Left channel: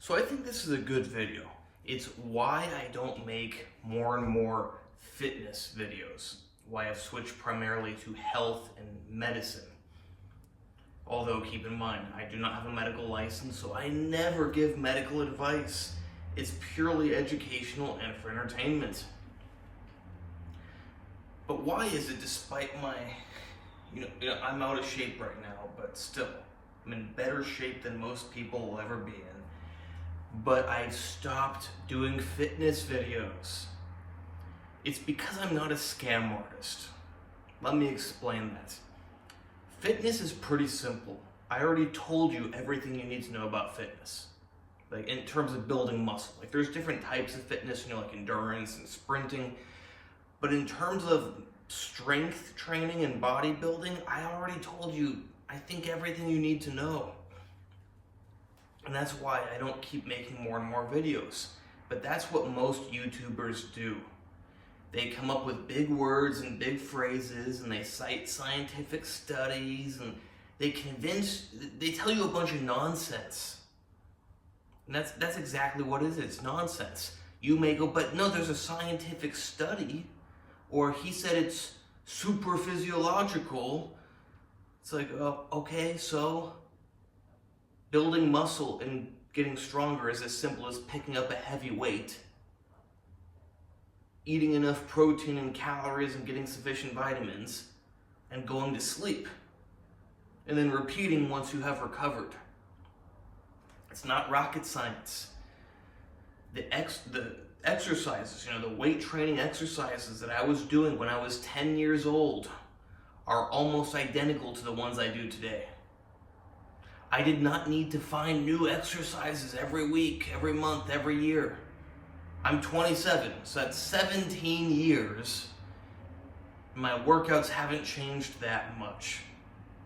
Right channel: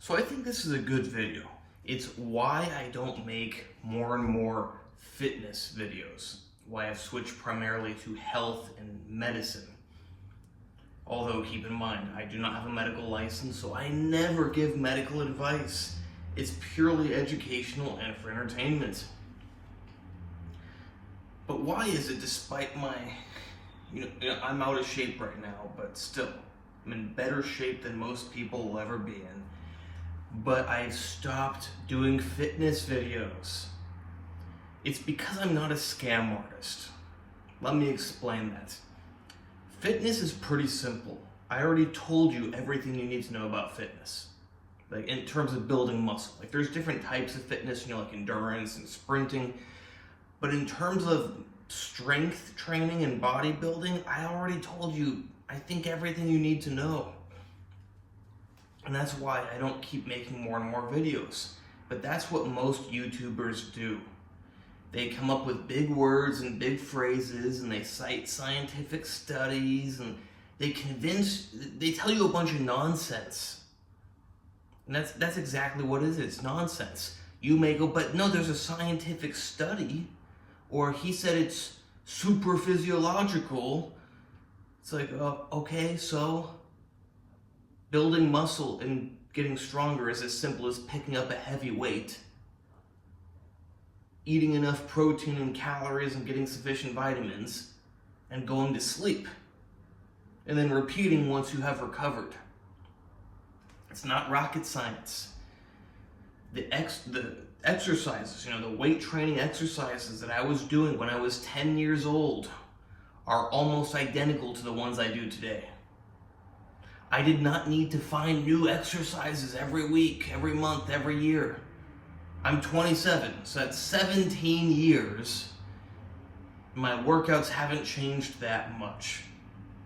So I think this is a good video. It's why I don't make more and more fitness videos. Why I've switched primarily to health and medicine. Although keep in mind, I do not have a medical license, so I never give medical advice. It's purely educational and for entertainment. But why is it, despite my, I'm out of shape right now, but still, I'm in better shape than most people will ever be in. But I've stopped doing fitness videos. It's because I'm not a scam artist. Let me explain that. Fitness is pretty simple. I already told you everything you need to know about fitness. Like in terms of building muscle. Like there's different types of fitness, like endurance and sprinting. But in terms of strength training and bodybuilding, I already told you, I think, everything you need to know. And that's why I don't keep making more and more videos. But that's what most YouTubers do. They come up with big words and big phrases, and they cite scientific studies, and they tell you a bunch of nonsense. And that's exactly what it is. It's nonsense. You may go, but no, there's a scientific study, or he said it's super physiological. It's like, okay, so building muscle and getting stronger is as simple as picking up a heavy weight, eating enough protein and calories and getting sufficient vitamins, and going to sleep. And then repeating once you have recovered. It's not rocket science. The exercises, the weight training exercises that I was doing when I was 10 years old are almost identical to the ones I do today. I did not need to find new exercises every week, every month, every year. I'm 27, so that's 17 years. My workouts haven't changed that much.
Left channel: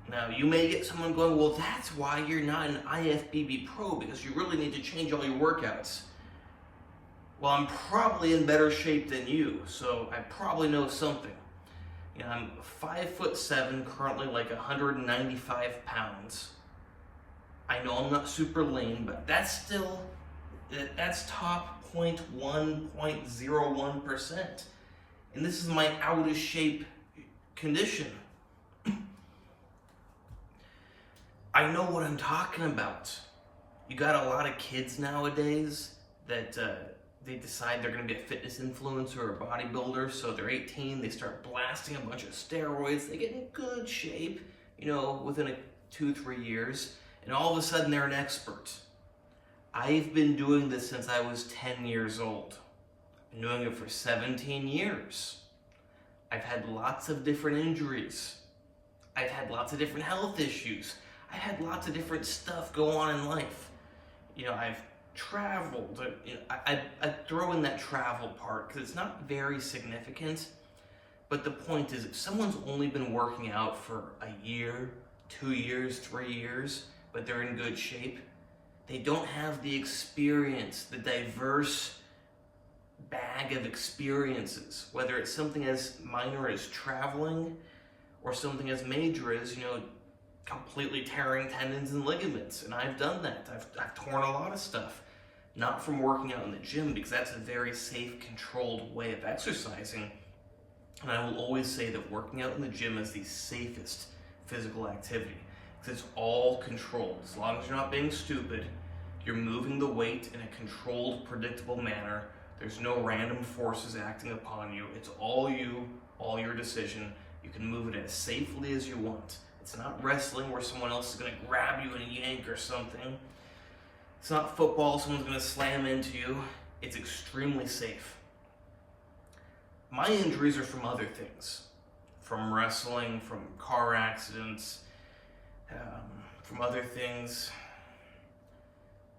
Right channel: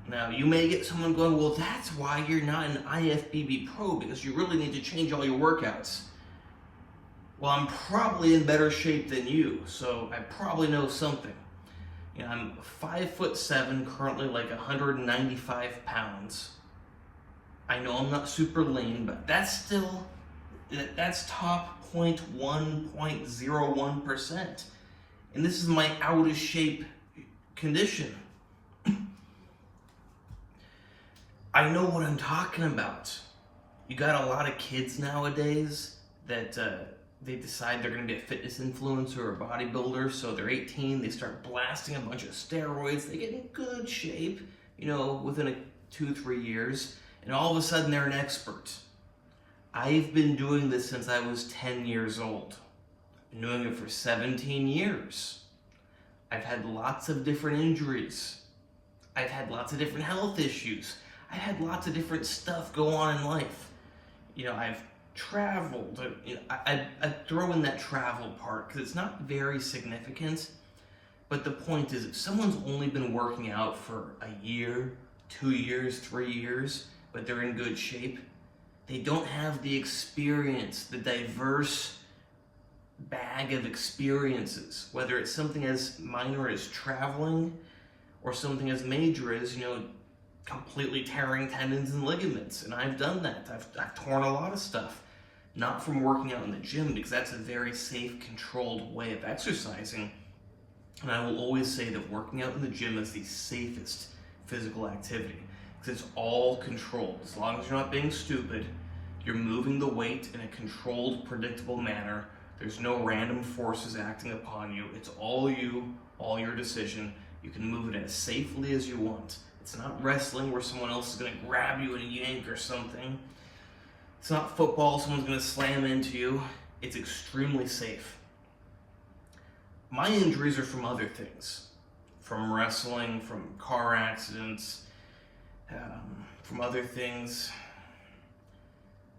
Now, you may get someone going, well, that's why you're not an IFBB pro, because you really need to change all your workouts. Well, I'm probably in better shape than you, so I probably know something. I'm 5'7", currently like 195 pounds. I know I'm not super lean, but that's top 0.01%. And this is my out of shape condition. I know what I'm talking about. You got a lot of kids nowadays that they decide they're going to be a fitness influencer or a bodybuilder, so they're 18, they start blasting a bunch of steroids, they get in good shape, within 2-3 years, and all of a sudden they're an expert. I've been doing this since I was 10 years old. I've been doing it for 17 years. I've had lots of different injuries. I've had lots of different health issues. I've had lots of different stuff go on in life. I've traveled. I throw in that travel part because it's not very significant. But the point is, if someone's only been working out for a year, 2 years, 3 years, but they're in good shape, they don't have the experience, the diverse bag of experiences, whether it's something as minor as traveling or something as major as, completely tearing tendons and ligaments. And I've done that. I've torn a lot of stuff. Not from working out in the gym, because that's a very safe, controlled way of exercising. And I will always say that working out in the gym is the safest physical activity, because it's all controlled. As long as you're not being stupid, you're moving the weight in a controlled, predictable manner. There's no random forces acting upon you. It's all you, all your decision. You can move it as safely as you want. It's not wrestling where someone else is going to grab you and yank or something. It's not football, someone's going to slam into you. It's extremely safe. My injuries are from other things. From wrestling, from car accidents, from other things.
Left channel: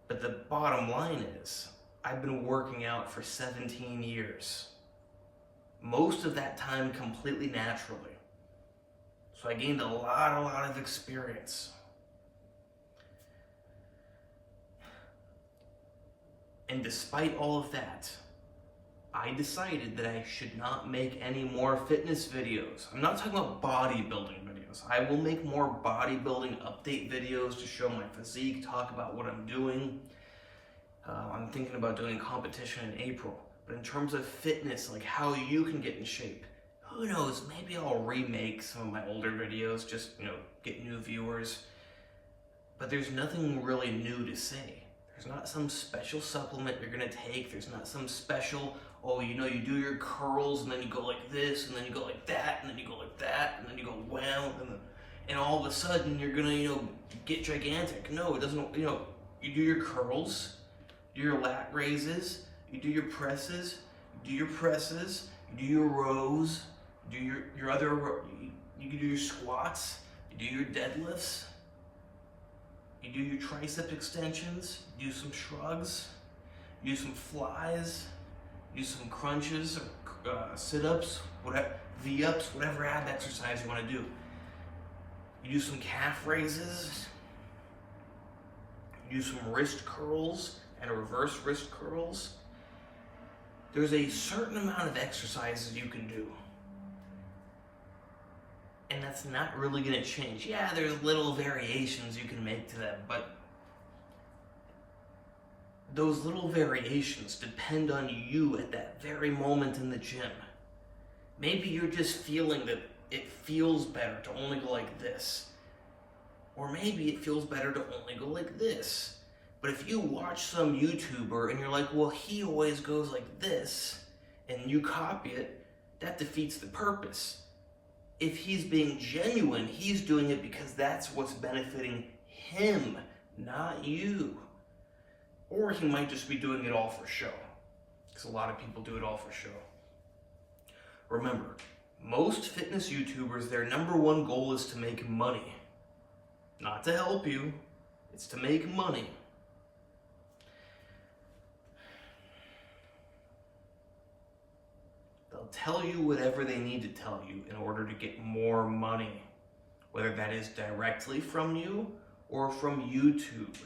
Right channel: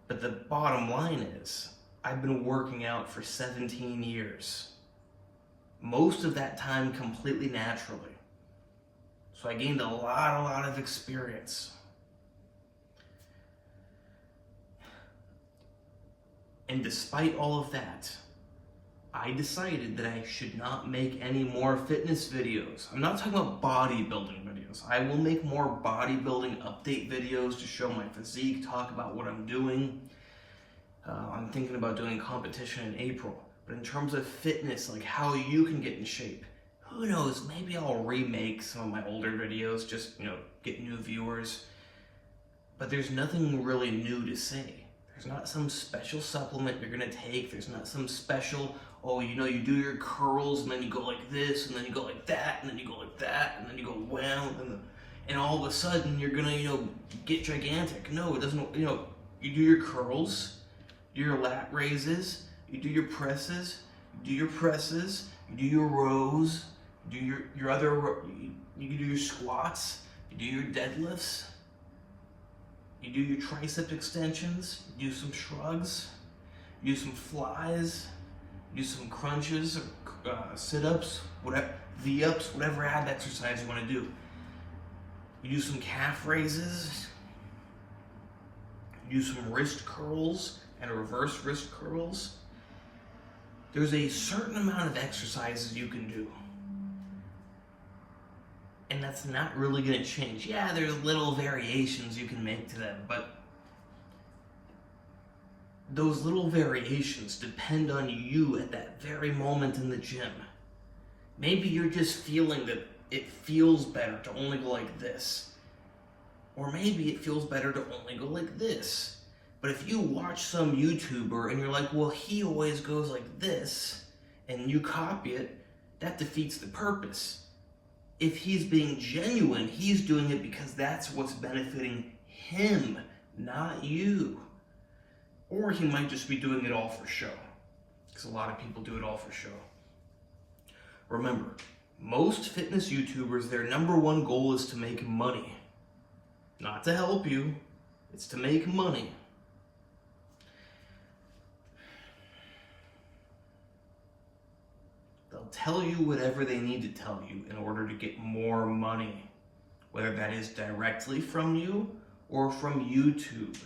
But the bottom line is, I've been working out for 17 years. Most of that time completely naturally. So I gained a lot of experience. And despite all of that, I decided that I should not make any more fitness videos. I'm not talking about bodybuilding videos. I will make more bodybuilding update videos to show my physique, talk about what I'm doing. I'm thinking about doing a competition in April. But in terms of fitness, like how you can get in shape, who knows, maybe I'll remake some of my older videos, just, get new viewers. But there's nothing really new to say. There's not some special supplement you're gonna take. There's not some special, you do your curls and then you go like this and then you go like that and then you go like that and then you go wow and all of a sudden you're gonna, get gigantic. No, it doesn't, you do your curls, you do your lat raises, you do your presses, you do your rows, you do your other, you do your squats, you do your deadlifts, you do your tricep extensions, you do some shrugs, you do some flies, you do some crunches or sit-ups, whatever, V-ups, whatever ab exercise you want to do. You do some calf raises, you do some wrist curls and reverse wrist curls. There's a certain amount of exercises you can do. And that's not really going to change. Yeah, there's little variations you can make to them, but those little variations depend on you at that very moment in the gym. Maybe you're just feeling that it feels better to only go like this. Or maybe it feels better to only go like this. But if you watch some YouTuber and you're like, well, he always goes like this, and you copy it, that defeats the purpose. If he's being genuine, he's doing it because that's what's benefiting him, not you. Or he might just be doing it all for show, because a lot of people do it all for show. Remember, most fitness YouTubers, their number one goal is to make money. Not to help you, it's to make money. They'll tell you whatever they need to tell you in order to get more money, whether that is directly from you or from YouTube.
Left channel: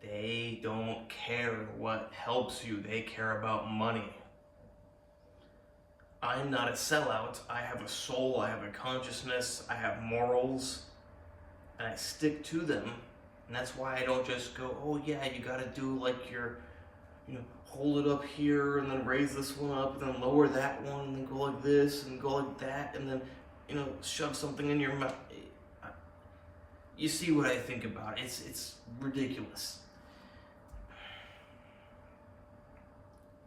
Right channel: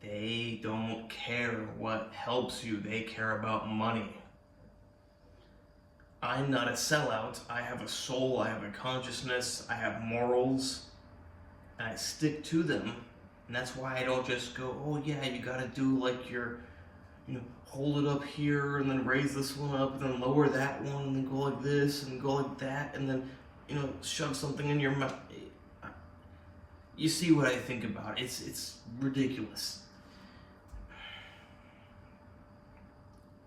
They don't care what helps you, they care about money. I'm not a sellout. I have a soul, I have a consciousness, I have morals, and I stick to them. And that's why I don't just go, oh yeah, you gotta do like your, hold it up here and then raise this one up and then lower that one and then go like this and go like that and then, shove something in your mouth. You see what I think about it. It's ridiculous.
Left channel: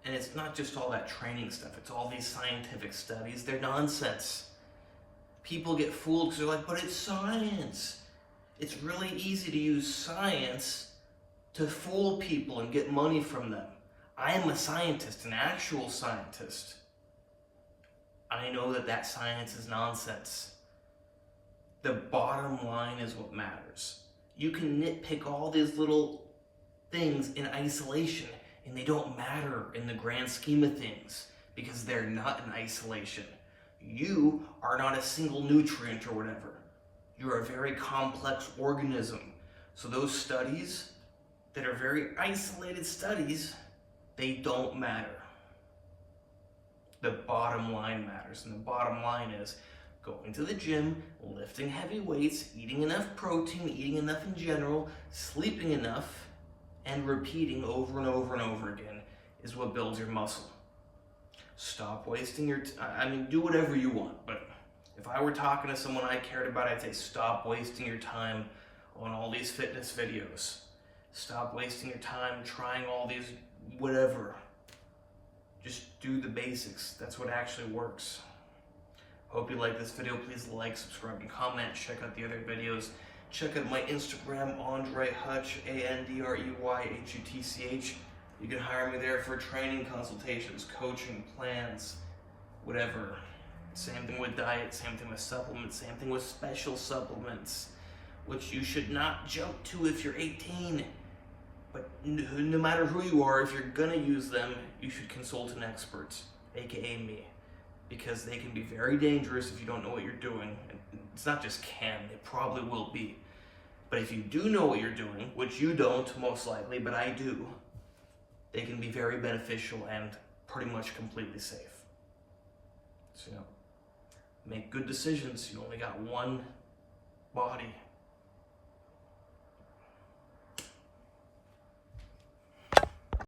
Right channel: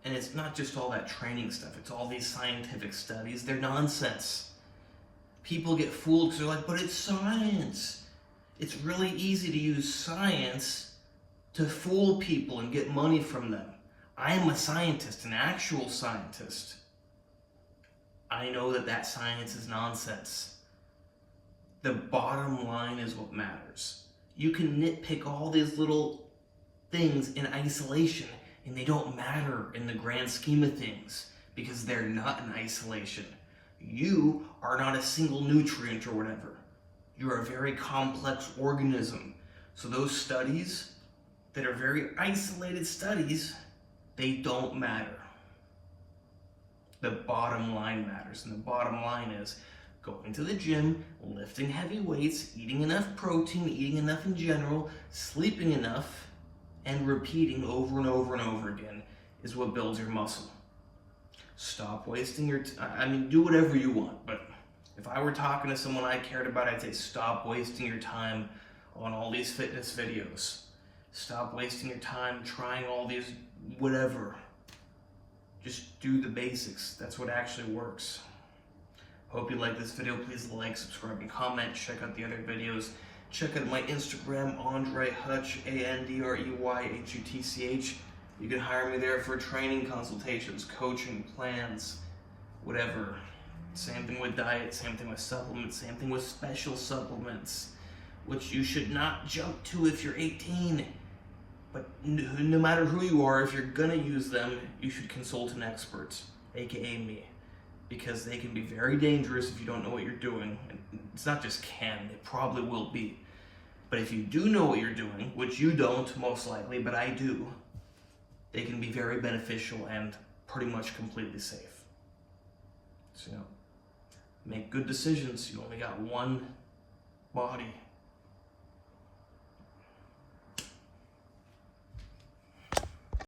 And it's not just all that training stuff. It's all these scientific studies. They're nonsense. People get fooled because they're like, but it's science. It's really easy to use science to fool people and get money from them. I am a scientist, an actual scientist. I know that science is nonsense. The bottom line is what matters. You can nitpick all these little things in isolation, and they don't matter in the grand scheme of things because they're not in isolation. You are not a single nutrient or whatever. You're a very complex organism. So those studies that are very isolated studies, they don't matter. The bottom line matters, and the bottom line is going to the gym, lifting heavy weights, eating enough protein, eating enough in general, sleeping enough, and repeating over and over and over again is what builds your muscle. Stop wasting your time. Do whatever you want, but if I were talking to someone I cared about, I'd say stop wasting your time on all these fitness videos. Stop wasting your time trying all these whatever. Just do the basics. That's what actually works. Hope you like this video. Please like, subscribe, and comment. Check out the other videos. Check out my Instagram, AndreyHutch, AndreyHutch. You can hire me there for training consultations, coaching, plans, whatever. Same thing with diet, same thing with supplements, same thing with special supplements, which you should not jump to if you're 18. But no matter who you are, if you're gonna use them, you should consult an expert, aka me, because they can be very dangerous if you don't know what you're doing. And it's not just can, it probably will be. But if you do know what you're doing, which you don't most likely, but I do, they can be very beneficial and pretty much completely safe. So, make good decisions. You only got one body.